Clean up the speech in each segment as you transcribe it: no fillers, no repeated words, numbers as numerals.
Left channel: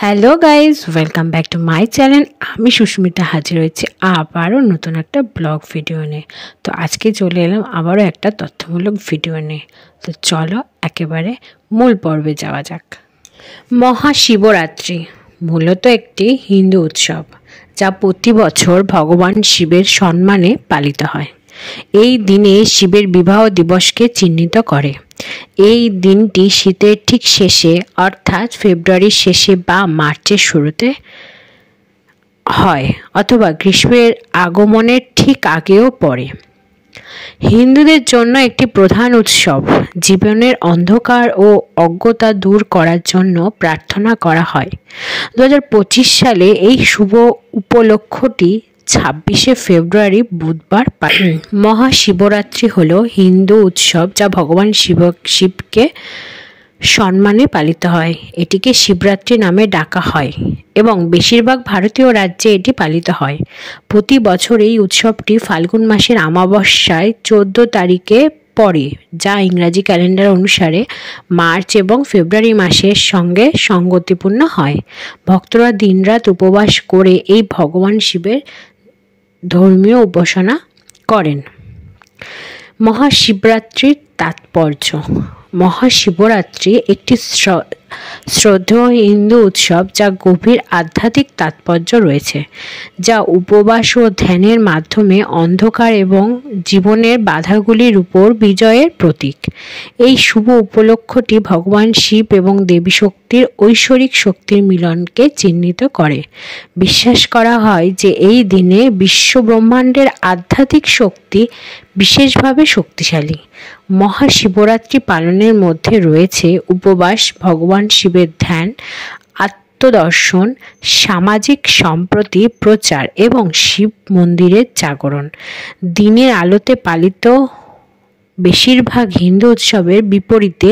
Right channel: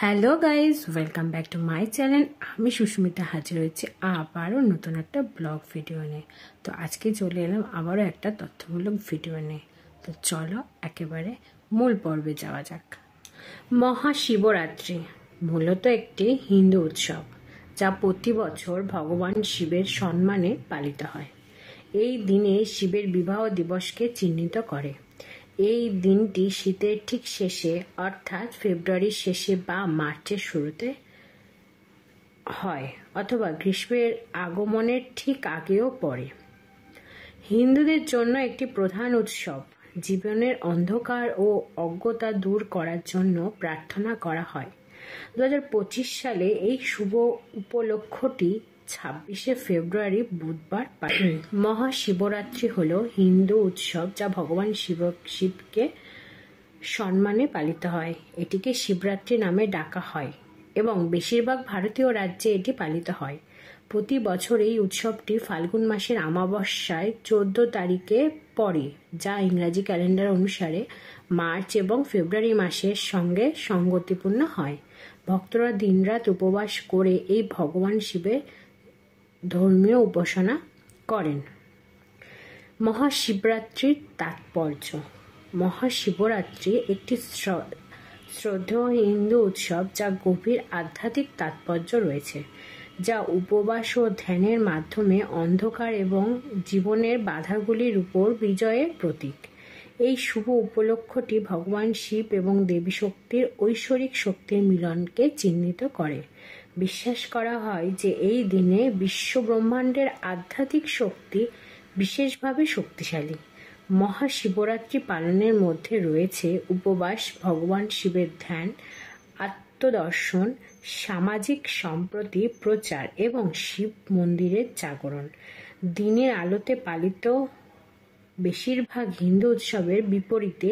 Hello guys, welcome back to my channel. আমি সুস্মিতা হাজির হয়েছি আবারও নতুন একটা ব্লগ ভিডিও নিয়ে। তো আজকে চলে এলাম আবারও একটা তথ্যমূলক ভিডিও নিয়ে। তো চলো একেবারে মূল পর্বে যাওয়া যাক। মহাশিবরাত্রি মূলত একটি হিন্দু উৎসব, যা প্রতি বছর ভগবান শিবের সম্মানে পালিত হয়। এই দিনে শিবের বিবাহ দিবসকে চিহ্নিত করে। এই দিনটি শীতের ঠিক শেষে অর্থাৎ ফেব্রুয়ারির শেষে বা মার্চের শুরুতে হয়, অথবা গ্রীষ্মের আগমনের ঠিক আগেও পড়ে। হিন্দুদের জন্য একটি প্রধান উৎসব। জীবনের অন্ধকার ও অজ্ঞতা দূর করার জন্য প্রার্থনা করা হয়। 2025 সালে এই শুভ উপলক্ষটি 26শে ফেব্রুয়ারি বুধবার মহাশিবরাত্রি হলো হিন্দু উৎসব, যা ভগবান শিবকে সম্মানে পালিত হয়। এটিকে শিবরাত্রি নামে ডাকা হয় এবং বেশিরভাগ ভারতীয় রাজ্যে এটি পালিত হয়। প্রতি বছর এই উৎসবটি ফাল্গুন মাসের অমাবস্যায় 14 তারিখে পড়ে, যা ইংরাজি ক্যালেন্ডার অনুসারে মার্চ এবং ফেব্রুয়ারি মাসের সঙ্গে সঙ্গতিপূর্ণ হয়। ভক্তরা দিনরাত উপবাস করে এই ভগবান শিবের ধর্মীয় উপাসনা করেন। মহাশিবরাত্রির তাৎপর্য। মহাশিবরাত্রি একটি শ্রদ্ধেয় হিন্দু উৎসব, যা গভীর আধ্যাত্মিক তাৎপর্য রয়েছে, যা উপবাস ও ধ্যানের মাধ্যমে অন্ধকার এবং জীবনের বাধাগুলির উপর বিজয়ের প্রতীক। এই শুভ উপলক্ষটি ভগবান শিব এবং দেবী শক্তির ঐশ্বরিক শক্তির মিলনকে চিহ্নিত করে। বিশ্বাস করা হয় যে এই দিনে বিশ্বব্রহ্মাণ্ডের আধ্যাত্মিক শক্তি বিশেষভাবে শক্তিশালী। মহাশিবরাত্রি পালনের মধ্যে রয়েছে উপবাস, ভগবান শিবের ধ্যান, আত্মদর্শন, সামাজিক সম্প্রীতি প্রচার এবং শিব মন্দিরের জাগরণ। দিনের আলোতে পালিত বেশিরভাগ হিন্দু উৎসবের বিপরীতে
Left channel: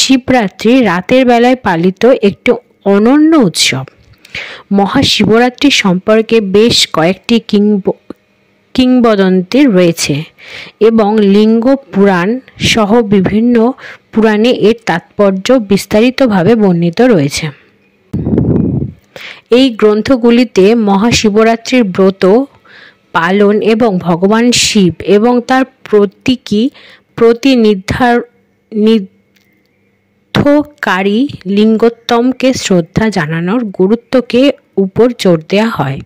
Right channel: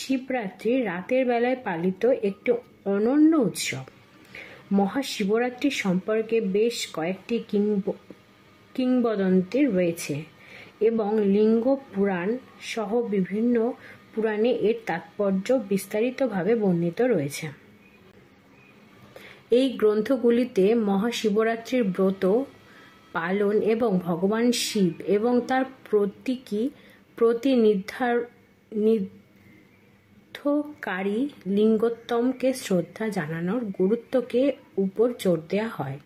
শিবরাত্রি রাতের বেলায় পালিত একটি অনন্য উৎসব। মহাশিবরাত্রি সম্পর্কে বেশ কয়েকটি কিংবদন্তি রয়েছে এবং লিঙ্গ পুরাণ সহ বিভিন্ন পুরাণে এর তাৎপর্য বিস্তারিতভাবে বর্ণিত রয়েছে। এই গ্রন্থগুলিতে মহাশিবরাত্রির ব্রত পালন এবং ভগবান শিব এবং তার প্রতিনিধিত্বকারী লিঙ্গোত্তমকে শ্রদ্ধা জানানোর গুরুত্বকে উপর জোর দেওয়া হয়।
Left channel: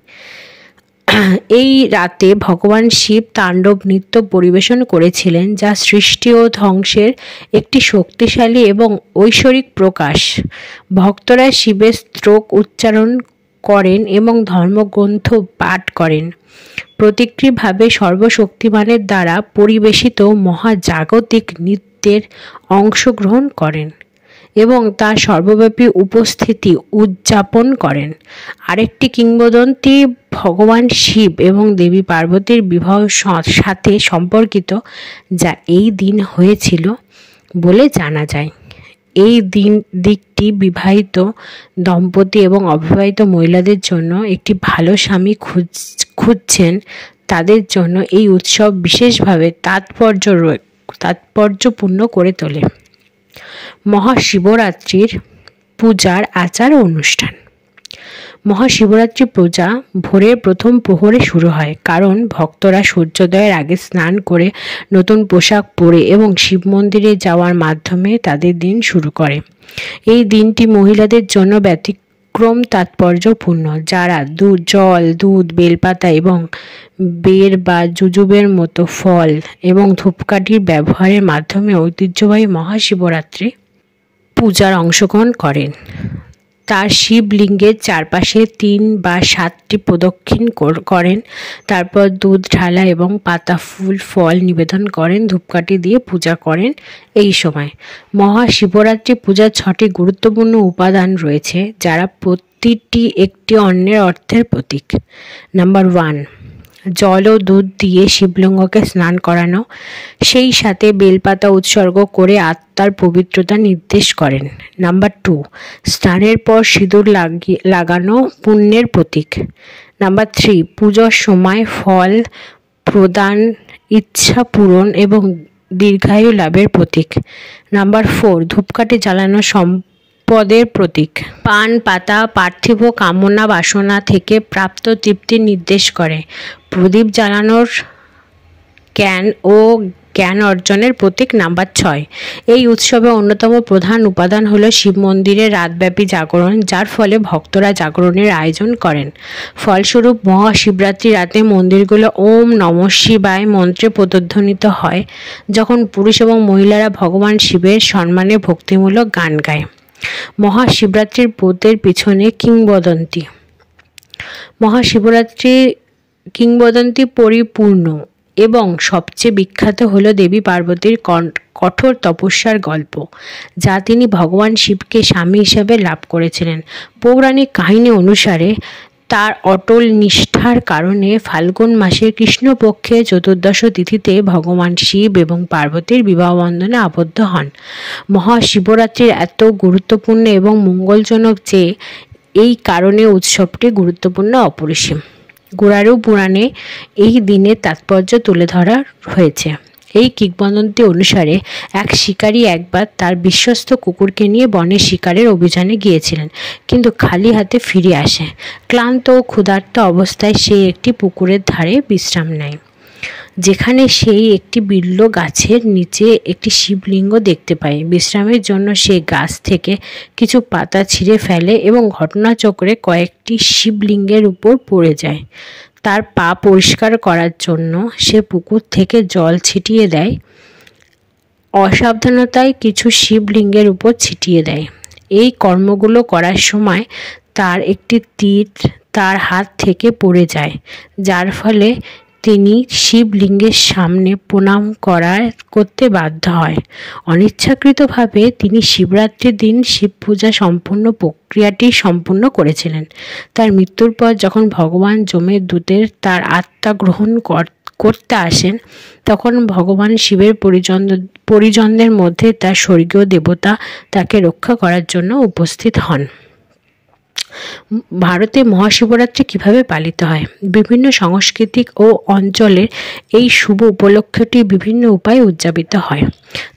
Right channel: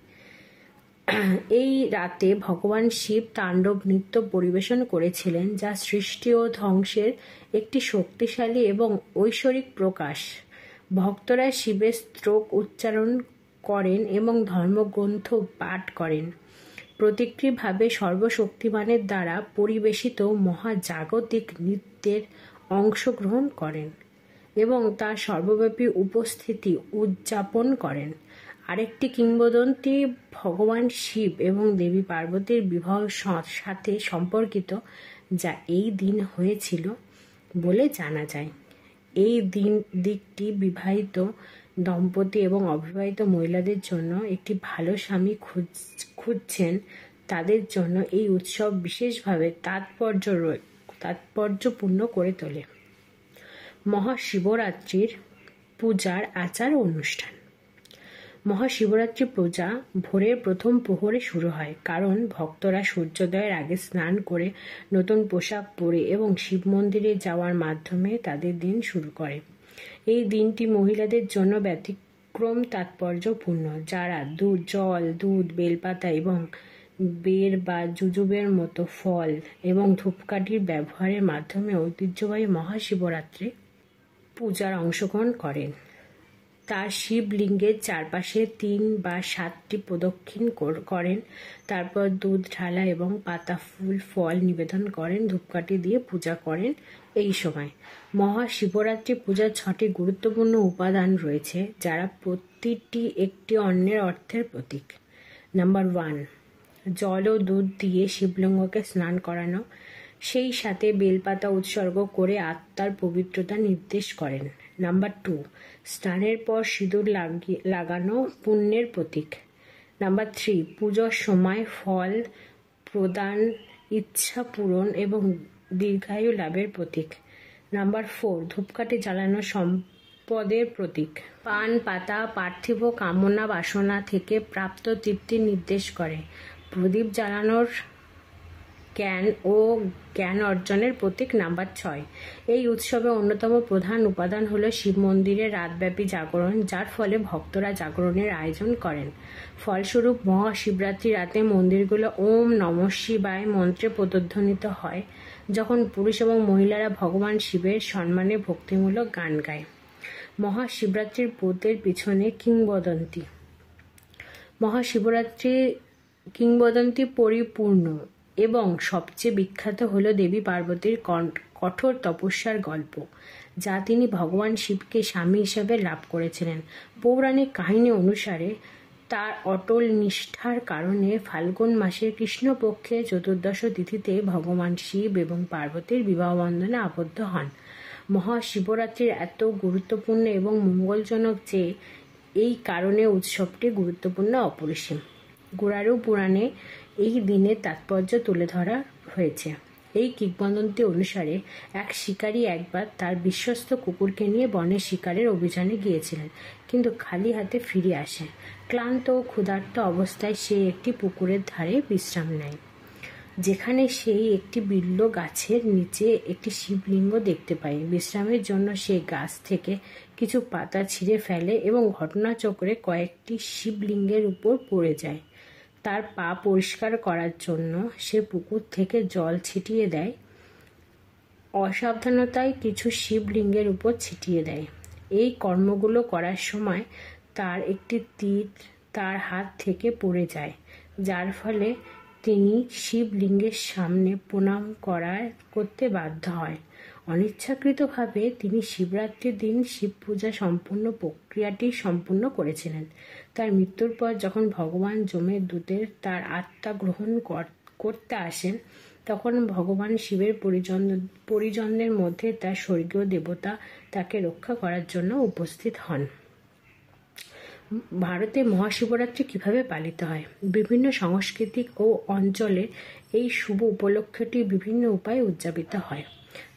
এই রাতে ভগবান শিব তাণ্ডব নৃত্য পরিবেশন করেছিলেন, যা সৃষ্টি ও ধ্বংসের একটি শক্তিশালী এবং ঐশ্বরিক প্রকাশ। ভক্তরা শিবের স্তোত্র উচ্চারণ করেন এবং ধর্মগ্রন্থ পাঠ করেন। প্রতীকীভাবে সর্বশক্তিমানের দ্বারা পরিবেশিত মহাজাগতিক নৃত্যের অংশগ্রহণ করেন এবং তার সর্বব্যাপী উপস্থিতি উদযাপন করেন। আরেকটি কিংবদন্তি ভগবান শিব এবং দেবী পার্বতীর বিবাহের সাথে সম্পর্কিত, যা এই দিন হয়েছিল বলে জানা যায়। এই দিকটি বিবাহিত দম্পতি এবং অবিবাহিত মহিলাদের জন্য একটি ভালো স্বামী খুঁজছেন তাদের জন্য এই উৎসব বিশেষভাবে তাৎপর্যপূর্ণ করে তোলে। মহাশিবরাত্রির পূজার আচার ও অনুষ্ঠান। মহাশিবরাত্রি পূজা ভোরের প্রথম প্রহরে শুরু হয়, কারণ ভক্তরা সূর্যোদয়ের আগে স্নান করে নতুন পোশাক পরে এবং শিব মন্দিরে যাওয়ার মাধ্যমে তাদের দিন শুরু করে। এই দিনটি মহিলাদের জন্য ব্যতিক্রম তাৎপর্যপূর্ণ, যারা জল, দুধ, বেলপাতা এবং বের বা জুজুবের মতো ফল এবং ধূপকাঠির ব্যবহারের মাধ্যমে ঐতিহ্যবাহী মহাশিবরাত্রি পূজার অংশগ্রহণ করেন। তার শিবলিঙ্গের চারপাশে 3 বা 7টি প্রদক্ষিণ করেন, তারপর দুধ ঢালা এবং পাতা, ফুল, ফল নিবেদন করেন, ধূপকাঠি দিয়ে পূজা করেন। এই সময় মহাশিবরাত্রি পূজার 6টি গুরুত্বপূর্ণ উপাদান রয়েছে, যারা প্রতিটি একটি অন্যের অর্থের প্রতীক। নাম্বার 1, জল ও দুধ দিয়ে শিবলিঙ্গকে স্নান করানো, সেই সাথে বেলপাতা উৎসর্গ করে আত্মার পবিত্রতা নির্দেশ করেন। নাম্বার 2, স্নানের পর সিঁদুর লাগানো পুণ্যের প্রতীক। নাম্বার 3, পুজোর সময় ফল প্রদান ইচ্ছা পূরণ এবং দীর্ঘায়ু লাভের প্রতীক। নাম্বার 4, ধূপকাঠি জ্বালানো পদের প্রতীক। পান পাতা পার্থিব কামনা বাসনা থেকে প্রাপ্ত তৃপ্তির নির্দেশ করে। প্রদীপ জ্বালানোর জ্ঞান ও জ্ঞান অর্জনের প্রতীক। নাম্বার 6, এই উৎসবে অন্যতম প্রধান উপাদান হলো শিব মন্দিরে রাতব্যাপী জাগরণ, যার ফলে ভক্তরা জাগরণের আয়োজন করেন। ফলস্বরূপ মহাশিবরাত্রি রাতে মন্দিরগুলো ওম নমঃ শিবায় মন্ত্রে প্রতিধ্বনিত হয়, যখন পুরুষ এবং মহিলারা ভগবান শিবের সম্মানে ভক্তিমূলক গান গায়। মহাশিবরাত্রির ব্রতের পিছনে কিংবদন্তি। মহাশিবরাত্রির কিংবদন্তি পরিপূর্ণ এবং সবচেয়ে বিখ্যাত হল দেবী পার্বতীর কঠোর তপস্যার গল্প, যা তিনি ভগবান শিবকে স্বামী হিসেবে লাভ করেছিলেন। পৌরাণিক কাহিনী অনুসারে তার অটল নিষ্ঠার কারণে ফাল্গুন মাসের কৃষ্ণপক্ষে চতুর্দশ তিথিতে ভগবান শিব এবং পার্বতীর বিবাহ বন্ধনে আবদ্ধ হন। মহাশিবরাত্রির এত গুরুত্বপূর্ণ এবং মঙ্গলজনক যে এই কারণে উৎসবটি গুরুত্বপূর্ণ অপরিসীম। গুড়ারু পুরাণে এই দিনের তাৎপর্য তুলে ধরা হয়েছে। এই কিংবদন্তি অনুসারে এক শিকারী একবার তার বিশ্বস্ত কুকুরকে নিয়ে বনে শিকারের অভিযানে গিয়েছিলেন, কিন্তু খালি হাতে ফিরে আসে। ক্লান্ত ও ক্ষুধার্ত অবস্থায় সে একটি পুকুরের ধারে বিশ্রাম নেয়, যেখানে সেই একটি বিল্ব গাছের নিচে একটি শিবলিঙ্গ দেখতে পায়। বিশ্রামের জন্য সে গাছ থেকে কিছু পাতা ছিঁড়ে ফেলে এবং ঘটনাচক্রে কয়েকটি শিবলিঙ্গের উপর পড়ে যায়। তার পা পরিষ্কার করার জন্য সে পুকুর থেকে জল ছিটিয়ে দেয়, অসাবধানতায় কিছু শিবলিঙ্গের উপর ছিটিয়ে দেয়। এই কর্মগুলো করার সময় তার একটি তীর তার হাত থেকে পড়ে যায়, যার ফলে তিনি শিবলিঙ্গের সামনে প্রণাম করতে বাধ্য হয়। অনিচ্ছাকৃতভাবে তিনি শিবরাত্রির দিন শিব পূজা সম্পূর্ণ প্রক্রিয়াটি সম্পূর্ণ করেছিলেন। তার মৃত্যুর পর যখন ভগবান যমের দূতের তার আত্মা গ্রহণ করতে আসেন, তখন ভগবান শিবের পরিজনদের মধ্যে তার স্বর্গীয় দেবতা তাকে রক্ষা করার জন্য উপস্থিত হন। ভারতে মহাশিবরাত্রি কিভাবে পালিত হয়? বিভিন্ন সাংস্কৃতিক ও অঞ্চলের এই শুভ উপলক্ষটি বিভিন্ন উপায়ে উদযাপিত হয়।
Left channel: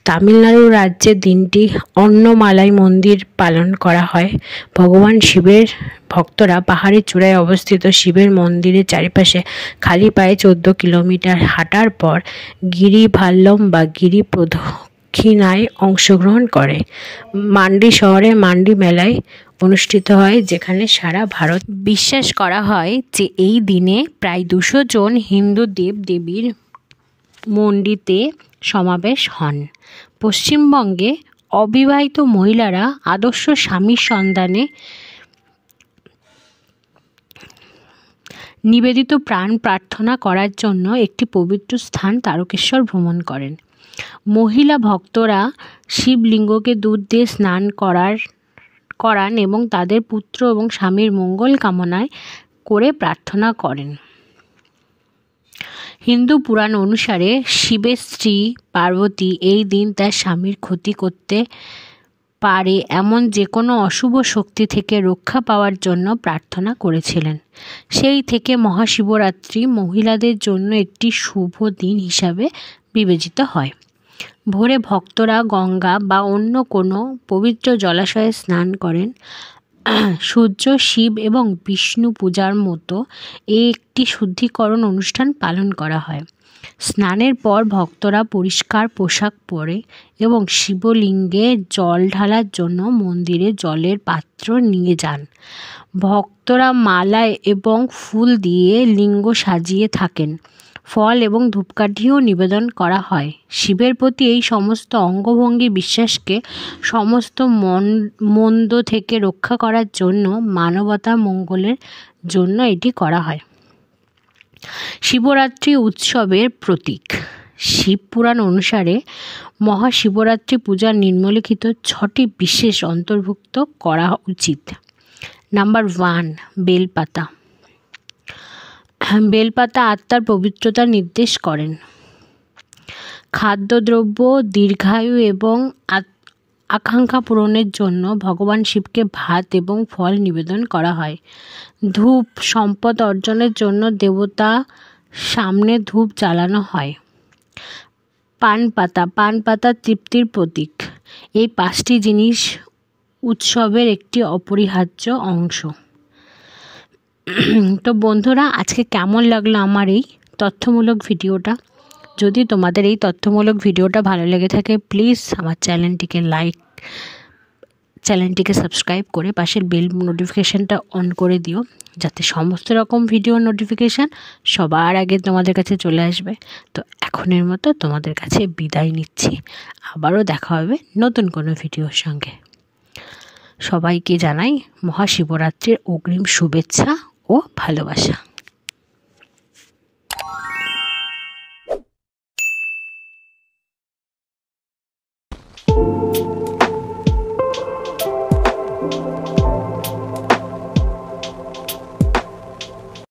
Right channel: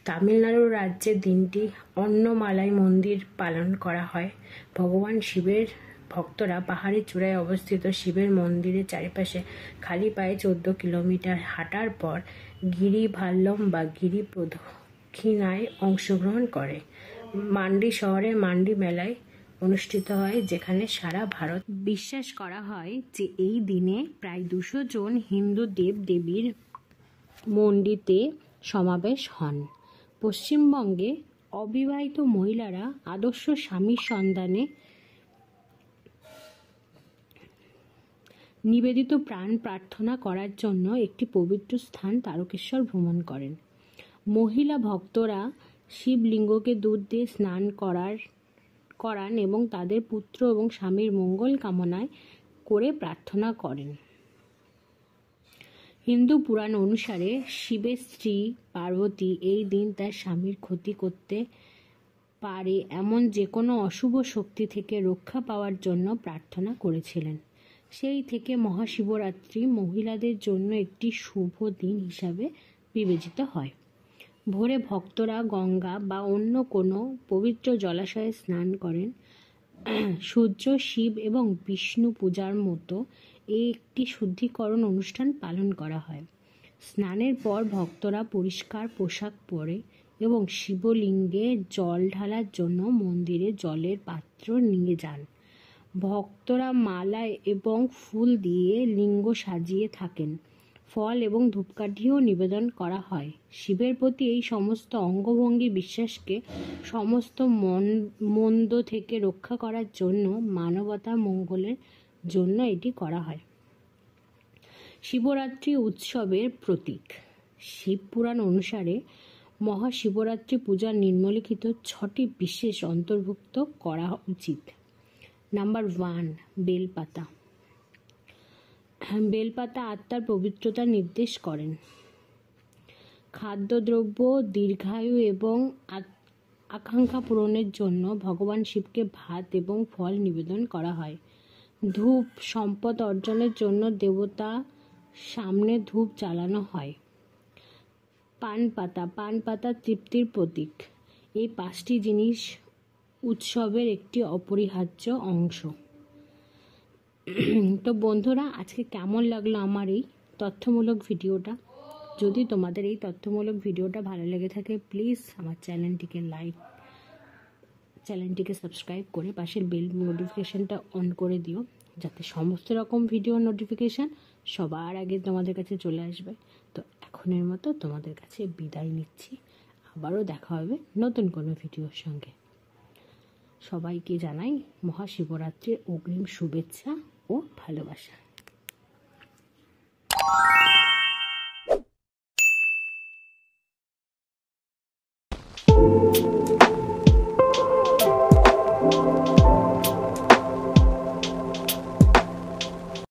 তামিলনাড়ু রাজ্যে দিনটি অন্নমালাই মন্দির পালন করা হয়। ভগবান শিবের ভক্তরা পাহাড়ের চূড়ায় অবস্থিত শিবের মন্দিরের চারিপাশে খালি পায়ে 14 কিলোমিটার হাঁটার পর গিরিভাল্লম বা গিরি প্রদক্ষিণায় অংশগ্রহণ করে। মান্ডি শহরে মান্ডি মেলায় অনুষ্ঠিত হয়, যেখানে সারা ভারত। বিশ্বাস করা হয় যে এই দিনে প্রায় 200 জন হিন্দু দেবদেবীর মন্ডিতে সমাবেশ হন। পশ্চিমবঙ্গে অবিবাহিত মহিলারা আদর্শ স্বামীর সন্ধানে নিবেদিত প্রাণ প্রার্থনা করার জন্য একটি পবিত্র স্থান তারকেশ্বর ভ্রমণ করেন। মহিলা ভক্তরা শিবলিঙ্গকে দুধ দিয়ে স্নান করান এবং তাদের পুত্র এবং স্বামীর মঙ্গল কামনায় করে প্রার্থনা করেন। হিন্দু পুরাণ অনুসারে শিবের স্ত্রী পার্বতী এই দিন তার স্বামীর ক্ষতি করতে পারে এমন যে কোনো অশুভ শক্তি থেকে রক্ষা পাওয়ার জন্য প্রার্থনা করেছিলেন। সেই থেকে মহাশিবরাত্রি মহিলাদের জন্য একটি শুভ দিন হিসাবে বিবেচিত হয়। ভোরে ভক্তরা গঙ্গা বা অন্য কোনো পবিত্র জলাশয়ে স্নান করেন। সূর্য, শিব এবং বিষ্ণু পূজার মতো একটি শুদ্ধিকরণ অনুষ্ঠান পালন করা হয়। স্নানের পর ভক্তরা পরিষ্কার পোশাক পরে এবং শিবলিঙ্গে জল ঢালার জন্য মন্দিরে জলের পাত্র নিয়ে যান। ভক্তরা মালা এবং ফুল দিয়ে লিঙ্গ সাজিয়ে থাকেন। ফল এবং ধূপকাঠিও নিবেদন করা হয়। শিবের প্রতি এই সমস্ত অঙ্গভঙ্গি বিশ্বাসকে সমস্ত মন্দ থেকে রক্ষা করার জন্য, মানবতার মঙ্গলের জন্য এটি করা হয়। শিবরাত্রি উৎসবের প্রতীক। শিব পুরাণ অনুসারে মহাশিবরাত্রি পূজার নিম্নলিখিত 6টি বিশেষ অন্তর্ভুক্ত করা উচিত। নাম্বার 1, বেলপাতা। বেলপাতা আত্মার পবিত্রতা নির্দেশ করেন। খাদ্যদ্রব্য, দীর্ঘায়ু এবং আকাঙ্ক্ষা পূরণের জন্য ভগবান শিবকে ভাত এবং ফল নিবেদন করা হয়। ধূপ, সম্পদ অর্জনের জন্য দেবতা সামনে ধূপ জ্বালানো হয়। পান পাতা তৃপ্তির প্রতীক। এই 5টি জিনিস উৎসবের একটি অপরিহার্য অংশ। তো বন্ধুরা, আজকে কেমন লাগলো আমার এই তথ্যমূলক ভিডিওটা? যদি তোমাদের এই তথ্যমূলক ভিডিওটা ভালো লেগে থাকে, প্লিজ আমার চ্যানেলটিকে সাবস্ক্রাইব করে পাশের বেল নোটিফিকেশানটা অন করে দিও, যাতে সমস্ত রকম ভিডিও নোটিফিকেশান সবার আগে তোমাদের কাছে চলে আসবে। তো এখনের মতো তোমাদের কাছে বিদায় নিচ্ছি। আবারও দেখা হবে নতুন কোনো ভিডিওর সঙ্গে। সবাইকে জানাই মহাশিবরাত্রির অগ্রিম শুভেচ্ছা ও ভালোবাসা।